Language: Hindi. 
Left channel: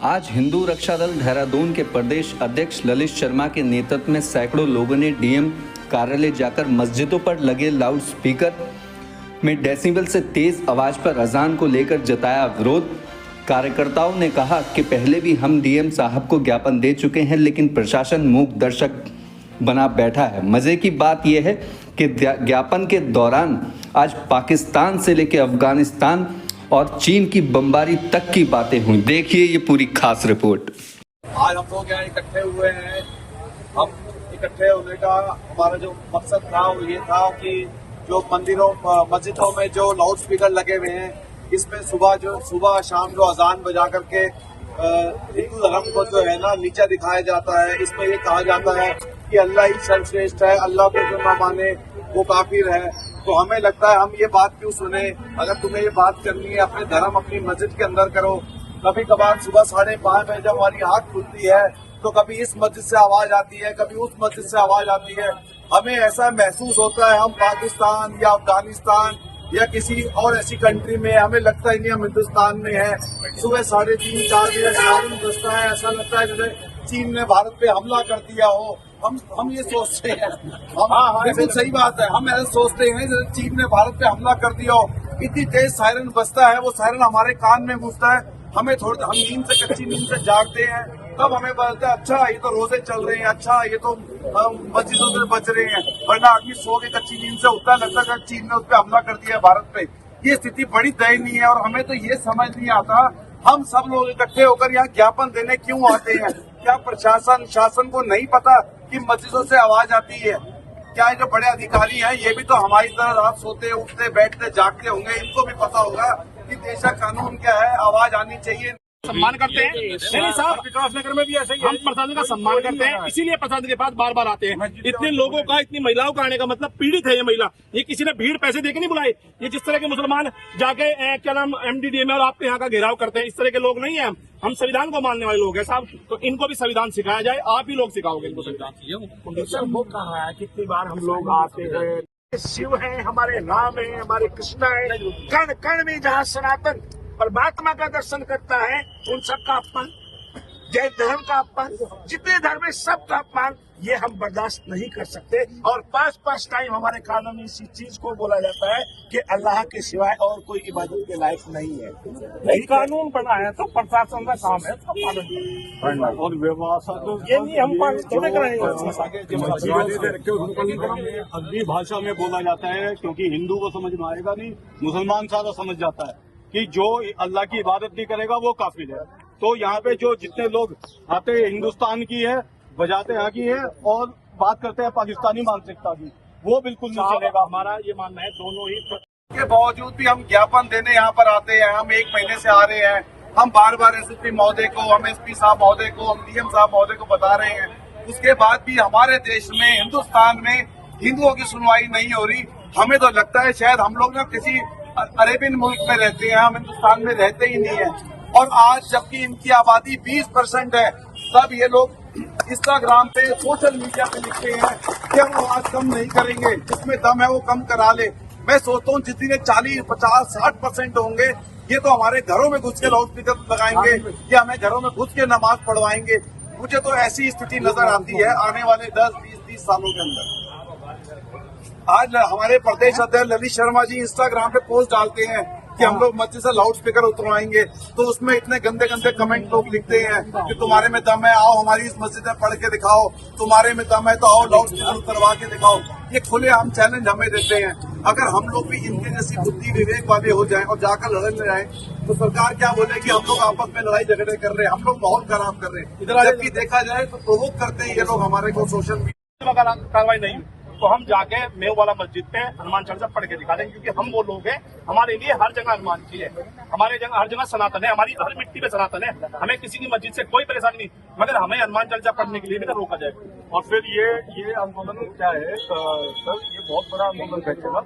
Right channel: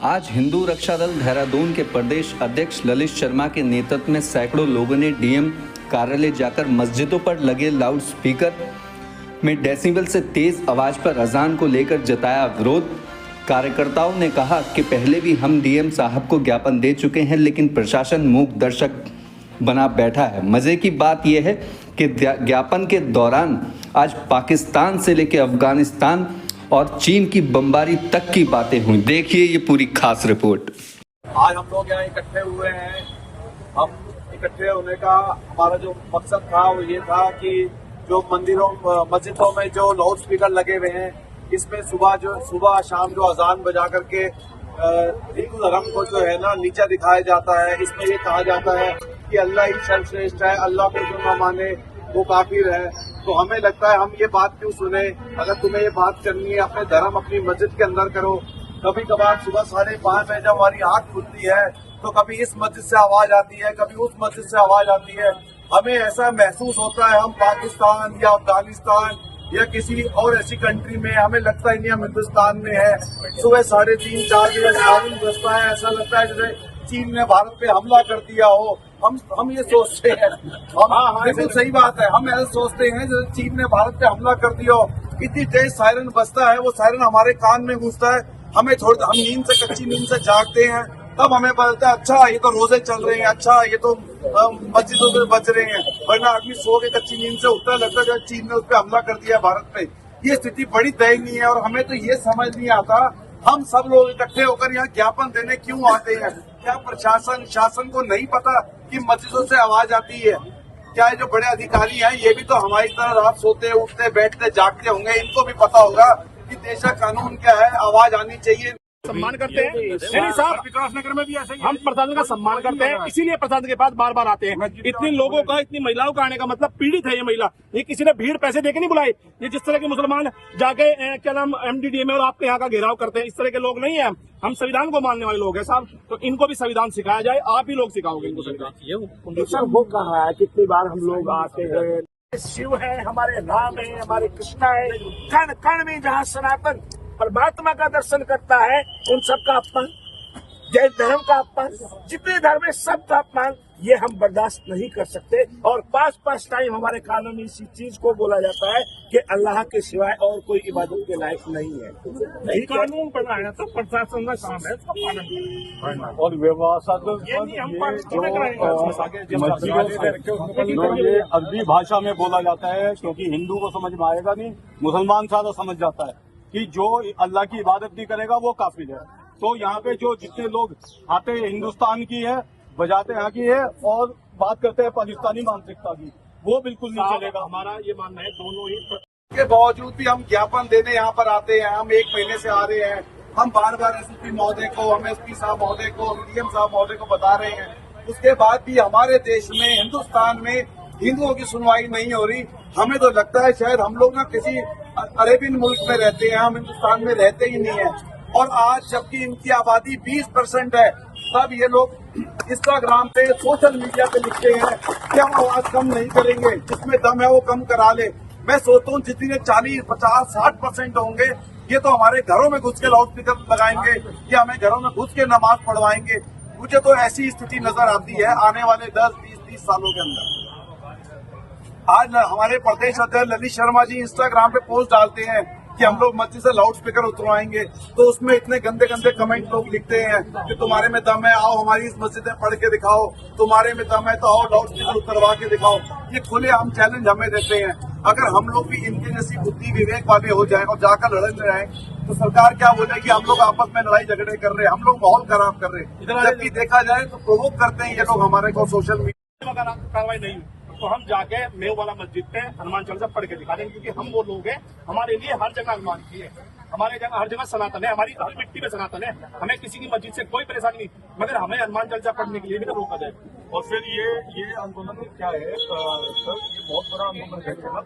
आज हिंदू रक्षा दल देहरादून के प्रदेश अध्यक्ष ललित शर्मा के नेतृत्व में सैकड़ों लोगों ने डीएम कार्यालय जाकर मस्जिदों पर लगे लाउड स्पीकर में डेसिबल से तेज आवाज पर अजान को लेकर जताया विरोध। कार्यकर्ताओं ने कहा कि पहले भी हम डीएम साहब को ज्ञापन दे चुके हैं, लेकिन प्रशासन मूक दर्शक बना बैठा है। मजे की बात यह है कि ज्ञापन के दौरान आज पाकिस्तान से लेकर अफगानिस्तान और चीन की बमबारी तक की बातें हुई। देखिए ये पूरी खास रिपोर्ट। आज हम लोग यहाँ इकट्ठे हुए हैं। हम इकट्ठे होने का हमारा जो मकसद था वो ये था कि जो मंदिरों मस्जिदों में जो लाउड स्पीकर लगे हुए हैं, इसमें सुबह शाम जो अजान बजा करके हिंदू धर्म को जो है ना नीचा दिखाया जाता है। इसमें ये कहा जाता है कि अल्लाह ही सर्वश्रेष्ठ है, अल्लाह को जो न माने वो काफिर है। तो हमें लगता है हम ये बात क्यों सुने। अगर तुम्हें ये बात करनी है अपने धर्म अपनी मस्जिद के अंदर करो। कभी कभार सुबह 5:30 बजे जब हमारी आँख खुलती है तो कभी इस मस्जिद से आवाज आती है, कभी उस मस्जिद से आवाज आती है। हमें ऐसा महसूस होता है हम पाकिस्तान या अफगानिस्तान या किसी और ऐसी कंट्री में, हमें लगता ही नहीं हम हिंदुस्तान में है। सुबह 3:30-4 बजे सायरन बजता है, ऐसा लगता है जैसे चीन ने भारत पे हमला कर दिया हो। हम ये सोचते हैं, बिल्कुल सही बात है, हम ऐसा सोचते हैं जैसे चीन ने भारत पे हमला कर दिया हो। इतनी तेज सायरन बजता है, वो सायरन हमारे कान में घुसता है। हम नींद से कच्ची नींद से जागते हैं, तब हमें पता चलता है अच्छा ये तो रोजे चल रहे हैं, अच्छा ये तो मस्जिदों से बच रहे हैं। वरना आदमी सो के कच्ची नींद से उठता लगता है चीन ने उस पर हमला कर दिया भारत पे। ये स्थिति बड़ी दयनीय है और हमें तो ये समझ नहीं आता हम सब लोग इकट्ठे होकर यहाँ ज्ञापन देने क्यों आते हैं। क्या प्रशासन शासन को नहीं पता कि मस्जिदों से आवाज आती है? क्या ये जो बड़े अधिकारी हैं ये भी तो हमारी तरह रात सोते उठते बैठते जागते होंगे, इनको भी पता होगा कि देश का कानून क्या है, आवाज आनी चाहिए। सम्मान करते हैं। नहीं साहब, विकासनगर में भी ऐसे ही हम प्रशासन का सम्मान करते हैं, इसीलिए प्रशासन के पास बार बार आते हैं। इतनी लोगों का, इतनी महिलाओं का आने का मतलब पीड़ित है ये महिला। ये किसी ने भीड़ पैसे देके नहीं बुलाई। ये जिस तरह के मुसलमान जाके क्या नाम MDDA में और आपके यहाँ का घेराव करते हैं, इस तरह के लोग नहीं है। हम संविधान को मानने वाले लोग हैं साहब, तो इनको भी संविधान सिखाया जाए। आप ही लोग सिखाओगे इनको संविधान। सर वो कहा है कितनी बार हम लोग आते हैं, शिव है, हमारे राम है, हमारे कृष्णा है, कण कण में जहाँ सनातन परमात्मा का दर्शन करता है उन सबका अपमान, जैन धर्म का अपमान, जितने धर्म है सबका अपमान, ये हम बर्दाश्त नहीं कर सकते। और 5 टाइम हमारे कानून में इसी चीज को बोला जाता है कि अल्लाह के सिवाय और कोई इबादत के लायक नहीं है। यही कानून बना है तो प्रशासन का काम है सब पालन और व्यवस्था ये अरबी भाषा में बोला जाता है, क्योंकि हिंदू को समझ में आएगा नहीं, मुसलमान सारा समझ जाता है कि जो अल्लाह की इबादत नहीं करेगा वो काफिर है। तो यहाँ पे जो जितने लोग आते हैं हिंदुस्तान की है, बजाते यहाँ की है और बात करते हैं पाकिस्तानी मानसिकता की, वो बिल्कुल नहीं चलेगा। हमारा ये मानना है दोनों ही के बावजूद भी हम ज्ञापन देने यहाँ पर आते हैं। हम 1 महीने से आ रहे हैं, हम बार बार SSP महोदय को, हम SP साहब महोदय को, हम DM साहब महोदय को बता रहे हैं। उसके बाद भी हमारे देश में, हिंदुस्तान में हिंदुओं की सुनवाई नहीं हो रही। हमें तो लगता है शायद हम लोग ना किसी अरेबियन मुल्क में रहते हैं, हम हिंदुस्तान में रहते ही नहीं है। और आज जबकि इनकी आबादी 20% है, तब ये लोग इंस्टाग्राम पे, सोशल मीडिया पे लिखते हैं कि हम आवाज कम नहीं करेंगे, जिसमें दम है वो कम करा ले। मैं सोचता हूँ जितने 40, 50, 60% होंगे ये तो हमारे घरों में घुस के लाउड स्पीकर लगाएंगे या हमें घरों में घुस के नमाज पढ़वाएंगे। मुझे तो ऐसी स्थिति नजर आती है आने वाले 10, 20, 30 सालों के अंदर। आज हमारे प्रदेश अध्यक्ष ललित शर्मा जी इंस्टाग्राम पे पोस्ट डालते हैं कि हम लोग मस्जिद से लाउड स्पीकर उतरवाएंगे, तो उसमें इतने गंदे गंदे कमेंट लोग लिखते हैं कि तुम्हारे में दम है, आओ हमारी इस मस्जिद में पढ़ के दिखाओ, तुम्हारे में दम है तो आओ लाउड स्पीकर उतरवा के दिखाओ। ये खुले हम चैलेंज हमें देते हैं। अगर हम लोग भी इनके जैसी बुद्धि विवेक वाले हो जाए और जाकर लड़ने जाए तो सरकार क्या बोले कि हम लोग आपस में लड़ाई झगड़े कर रहे हैं, हम लोग माहौल खराब कर रहे हैं। जबकि देखा जाए तो प्रोवोक करते हैं ये लोग हमारे को सोशल मीडिया। अगर कार्रवाई नहीं हुई तो हम जाके मेव वाला मस्जिद पे हनुमान चालीसा पढ़ के दिखा देंगे, क्योंकि हम वो लोग हैं, हमारे लिए हर जगह हनुमान जी है, हमारे जगह हर जगह सनातन है, हमारी हर मिट्टी में सनातन है। हमें किसी की मस्जिद से कोई परेशानी नहीं, मगर हमें हनुमान चालीसा पढ़ने के लिए भी तो रोका जाए। और फिर ये आंदोलन क्या है सर, ये बहुत बड़ा आंदोलन बैठेगा।